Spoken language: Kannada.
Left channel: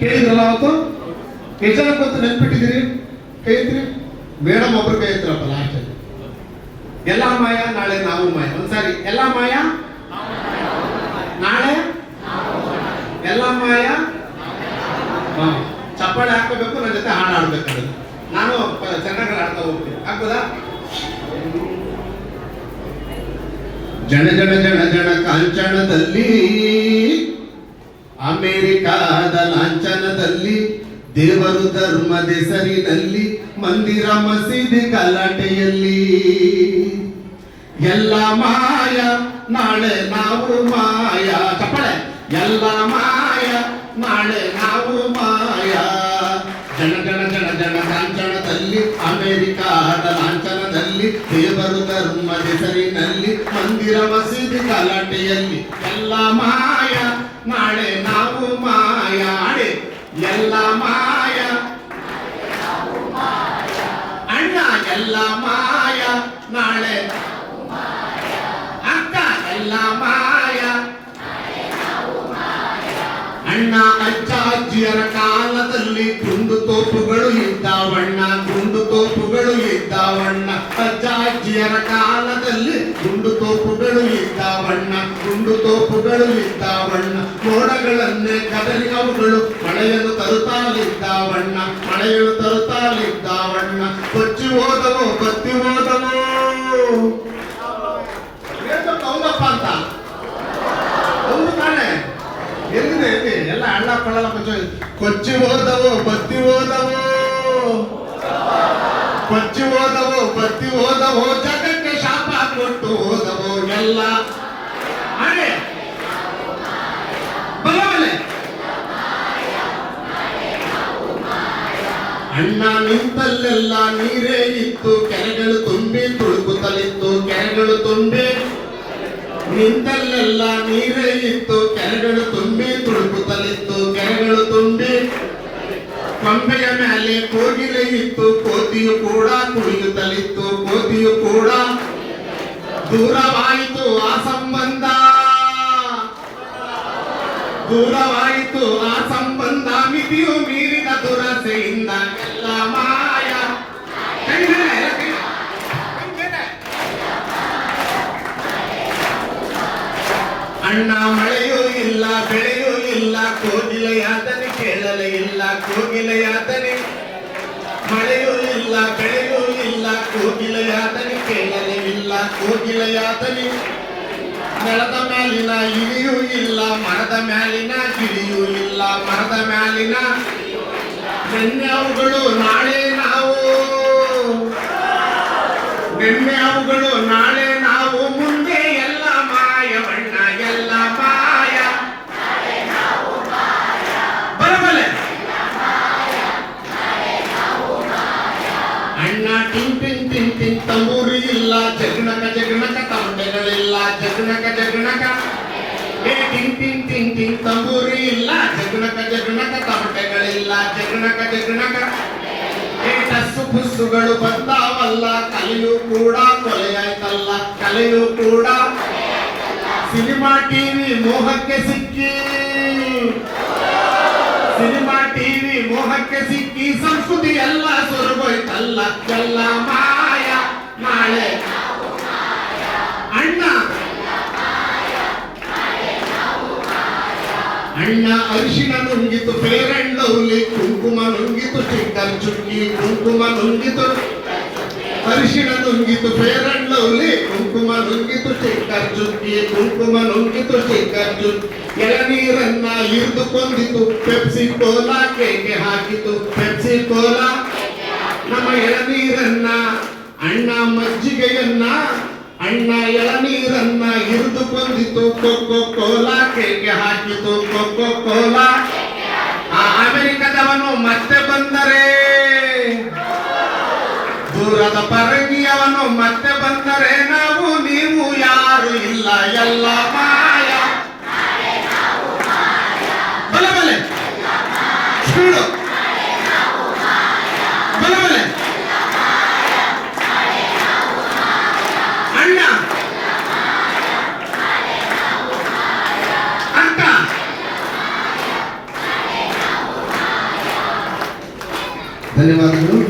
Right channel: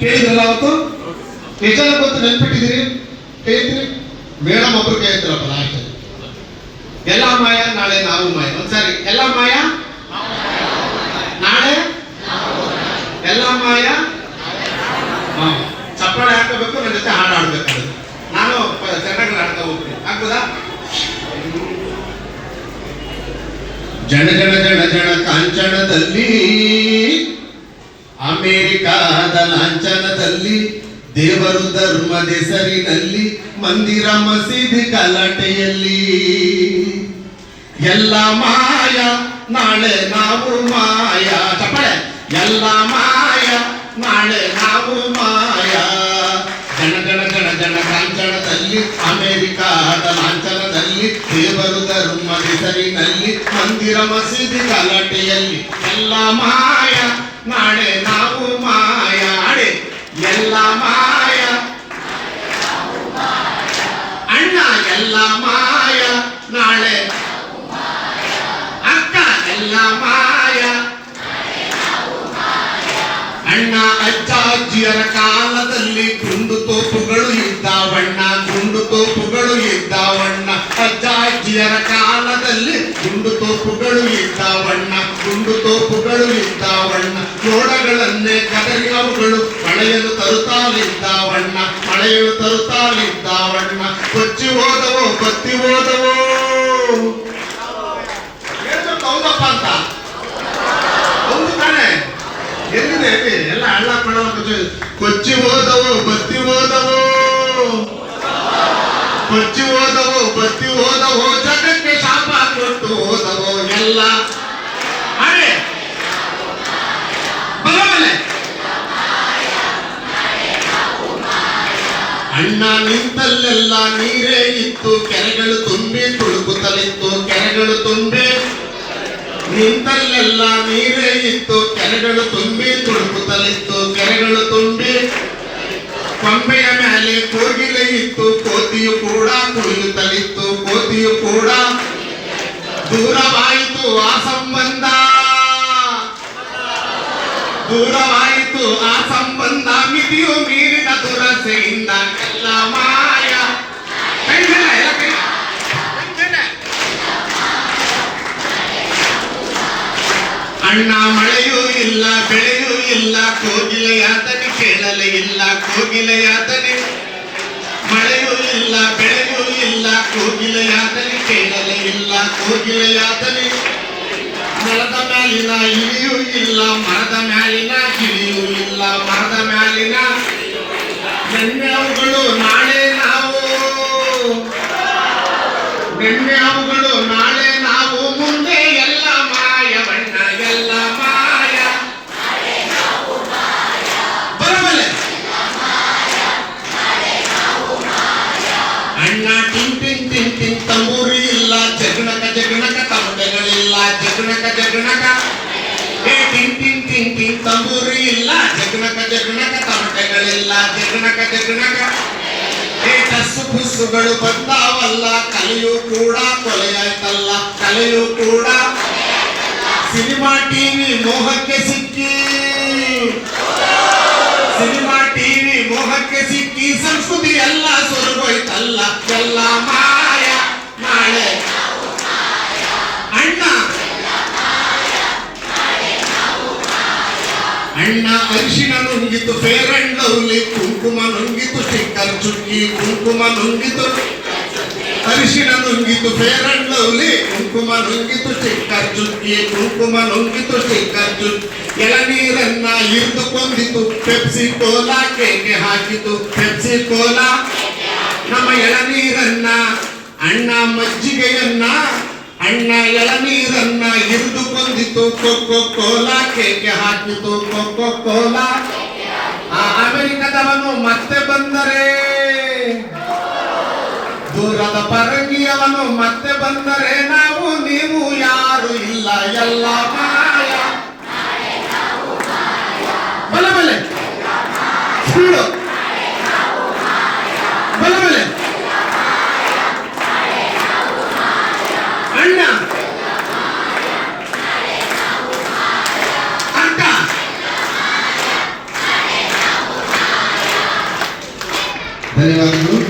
ಕೇಳಿದ್ರಲ್ಲ ಅವತ್ತು? ಜನ ಗೊತ್ತು ನೆನ್ಪಿಟ್ಟಿದ್ದೀರಿ? ಕೇಳಿದ್ರಿ? ಮೇಡಮ್ ಒಬ್ರು ಕೈ ಎತ್ತರಪ್ಪ ಲಾಸ್ಟ್ ಎಲ್ಲ ಮಾಯ, ನಾಳೆ ನಾವು ಮಾಯ. ಒಂದ್ಸರಿ, ಎಲ್ಲ ಮಾಯ? ನಾಳೆ? ಎಲ್ಲ ಮಾಯ? ಹಾ. ಚಪ್ಪಾಳೆ ಹಾಕೋಬೇಕು ನನ್ನ ಜೊತೆ ಹಾಡು ಆಡ್ಬೇಕು ನಾನು ಚೆನ್ನಾಗಿ ಆಡ್ತಾ ಹೋಗ್ತೀನಿ. ಆಗ್ಬೋದಾ? ಜನ ಜನ ಜನ ಜನ ಕಾಂಚನದಲ್ಲಿ ಅಮೇರಿಕಾದ ಲಾಂಛನದಲ್ಲಿ, ದೇವರು ಧರ್ಮದ ಹೆಸರಿನಲ್ಲಿ ಮಂದಿರ ಮಸೀದಿ ಕಲಾಟೆಯಲ್ಲಿ ಎಲ್ಲ ಮಾಯ, ನಾಳೆ ನಾವು ಮಾಯ. ಚಪ್ಪಳೆ, ಎಲ್ಲ ಮಾಯ, ನಾಳೆ ನಾವು ಮಾಯ. ಜನ ಜನ ಜನ ಜನ ಲಾಂಛನದಲ್ಲಿ, ಅಮೇರಿಕಾದ ಲಾಂಛನದಲ್ಲಿ, ದೇವರು ಧರ್ಮದ ಹೆಸರಿನಲ್ಲಿ ಮಂದಿರ ಮಸೀದಿ ಕಲಾಟೆಯಲ್ಲಿ ಎಲ್ಲ ಮಾಯ, ನಾಳೆ ನಾವು ಮಾಯ ಅಡೆ ಎಲ್ಲ ಮಾಯ ಅಣ್ಣ ಎಲ್ಲ ಮಾಯ ನಾಳೆ ಅಕ್ಕ ಎಲ್ಲ ಮಾಯ. ಅಣ್ಣ ಅಜ್ಜ ಅಜ್ಜಿಯರ ಕಾಲದಲ್ಲಿ ಗುಂಡು ತೋಪುಗಳು ಇದ್ದಾವಣ್ಣ ಗುಂಡು ತೋಪುಗಳು ಇದ್ದಾವಣ್ಣ ಅಜ್ಜ ಅಜ್ಜಿಯರ ಕಾಲದಲ್ಲಿ ಗುಂಡು ತೋಪುಗಳು ಇದ್ದಾವಣ್ಣ ಗುಂಡು ತೋಪುಗಳು ಇದ್ದಾವಣ್ಣ ಜೋಡಗಳನ್ನೇ ಕದರಿ ಅವುಗಳು ಮಳೆಯಲು ತರುತ್ತಾಲಿದ್ದಾವಣ್ಣ ಮಳೆಯಲು ತರುತ್ತಾಲಿದ್ದಾವಣ್ಣ ಕೊಚ್ಚಿ ಹೋದವೋ, ಬತ್ತಿ ಹೋದವೋ ಹೇಳ್ಬೇಕು ಹೌದಪ್ಪ ಅಂತ ಹೌದು ತಾನೆ ಎಲ್ಲಿದೆ ಎಲ್ಲಿ ಎಲ್ಲ ಹಳ್ಳ ಕೊಳ್ಳ ಕೊಚ್ಚಿ ಹೋದವು ಬತ್ತಿ ಹೋದವು ಕೊಚ್ಚಿ ಹೋದವು ಬತ್ತಿ ಹೋದವು ಜಗಕ್ಕೆ ಶಾಪ ಕೊಟ್ಟು ಹೋದವು ಎಲ್ಲ ಅಣ್ಣ ನಿಂತಲ್ಲೆಲ್ಲ ನೀರೇ ಇತ್ತು, ಕೆರೆಗಳು ತುಂಬಿ ತುಳುಕುತ್ತಲಿತ್ತು ಕೆರೆಗಳು ತುಂಬಿ, ನಿಂತಲ್ಲೆಲ್ಲ ನೀರೇ ಇತ್ತು. ಕೆರೆಗಳು ತುಂಬಿ, ತುಳುಕುತ್ತಲಿತ್ತು. ಕೆರೆಗಳು ತುಂಬಿ, ಕೊಂಬೆಯ ಮೇಲೆ ಕೋಗಿಲೆ ಇತ್ತು. ಕೋತಿಯು ಕೂಡ ಕುಣಿಯುತ್ತಲಿತ್ತು ಕೋತಿಯು ಕೂಡ ದೂರವಾಯಿತು. ಆ ಸಂಬಂಧ. ದೂರವಾಯಿತು. ಆ ಸಂಬಂಧ ಮಿತಿಯು ಮೀರಿದ ದುರಸೆಯಿಂದ ಎಲ್ಲ ಅಣ್ಣ ಮಳೆಯೂ ಇಲ್ಲ ಬೆಳೆಯೂ ಇಲ್ಲ ಕೋಗಿಲೆಯಾತನೆ ಕೇಳಲೆ ಇಲ್ಲ ಕೋಗಿಲೆಯಾತನೆ ಮಳೆಯೂ ಇಲ್ಲ, ಬೆಳೆಯೂ ಇಲ್ಲ ಕೋಗಿಲೆಯಾತನೆ ಕೇಳಲೆ ಇಲ್ಲ ಕೋಗಿಲೆಯಾತನೆ ನೆಲದ ಮ್ಯಾಲಿನ ಇಳಿಯೂ ಇಲ್ಲ, ಮರದ ಮ್ಯಾಲಿನ ಕಿಳಿಯೂ ಇಲ್ಲ, ಮರದ ಮ್ಯಾಲಿನ ನೆನ್ನೆ ಅವುಗಳು ನಾಳೆ ನಾವು. ನೆನ್ನೆ ಅವುಗಳು ನಾಳೆ ಜಗಣಕ ಜಗಣಕ ಏ, ಟಿಂಗ್ ಟಿಂಗ್ ಟಿಂಗ್ ತಂಬೂರಿ ಇಲ್ಲ. ಜಗನಕ ಜಗನಕ, ತಮಟೆಗಳಿಲ್ಲ. ಜಗನಕ ಜಗನಕ. ಏ ಟಸ್ಸು ಪುಸ್ಸುಗಳು ಬರ್ತಾವಲ್ಲ. ಕಲೆಯೂ ಕೂಡ ಕೊಲೆಯಾಯ್ತಲ್ಲ. ಕಲೆಯೂ ಕೂಡ. ಸಿನಿಮಾ ಟಿವಿ ಮೋಹಕ್ಕೆ ಸಿಕ್ಕಿ. ಸಿನಿಮಾ ಟಿವಿ ಮೋಹಕ್ಕೆ ಸಿಕ್ಕಿ. ಸಂಸ್ಕೃತಿ ಎಲ್ಲ ಸುರಗೋಯ್ತಲ್ಲ ಎಲ್ಲ ಮಾಯ ನಾಳೆ ಅಣ್ಣ ಅಣ್ಣ ಅರಿಶಿನ ನುಂಗಿತು ಫೇರ್ ಅಂಡ್ ಲವ್ಲಿ ಕುಂಕುಮ ನುಂಗಿತು ಸ್ಟಿಕ್ಕರ್ ಚುಕ್ಕಿ, ಕುಂಕುಮ ನುಂಗಿತು. ಅರಿಶಿನ ನುಂಗಿತು ಫೇರ್ ಅಂಡ್ ಲವ್ಲಿ ಕುಂಕುಮ ನುಂಗಿತು ಸ್ಟಿಕ್ಕರ್ ಚುಕ್ಕಿ, ಕುಂಕುಮ ನುಂಗಿತು ಸ್ಟಿಕ್ಕರ್ ಚುಕ್ಕಿ ಎಳನೀರನ್ನ ಇರ್ದು ಕೊಂದಿತು ಪೆಪ್ಸಿ ಕೋಲಾ ಕೇಕೆ ಹಾಕಿತು, ಪೆಪ್ಸಿ ಕೋಲಾ. ನಮ್ಮ ಎಳನೀರನ್ನ ಅಣ್ಣ ಮಜ್ಜಿಗೆಯನ್ನ ಅಣ್ಣ ಎಳನೀರನ್ನ ಹಿರಿದು ಕೊಂದಿತು ಕೊಕ್ಕೋ ಕೋಲಾ ಕೇಕೆ ಹಾಕಿತು. Coca Cola. ಆ ಅಮೆರಿಕದವನು ಮತ್ತೆ ಬಂದರೆ. ದೂರದ ಪರಂಗಿಯವನು ಮತ್ತೆ ಬಂದರೆ. ನಾವು, ನೀವು ಯಾರು ಇಲ್ಲ. ಎಲ್ಲ Allez, Marie-Claude.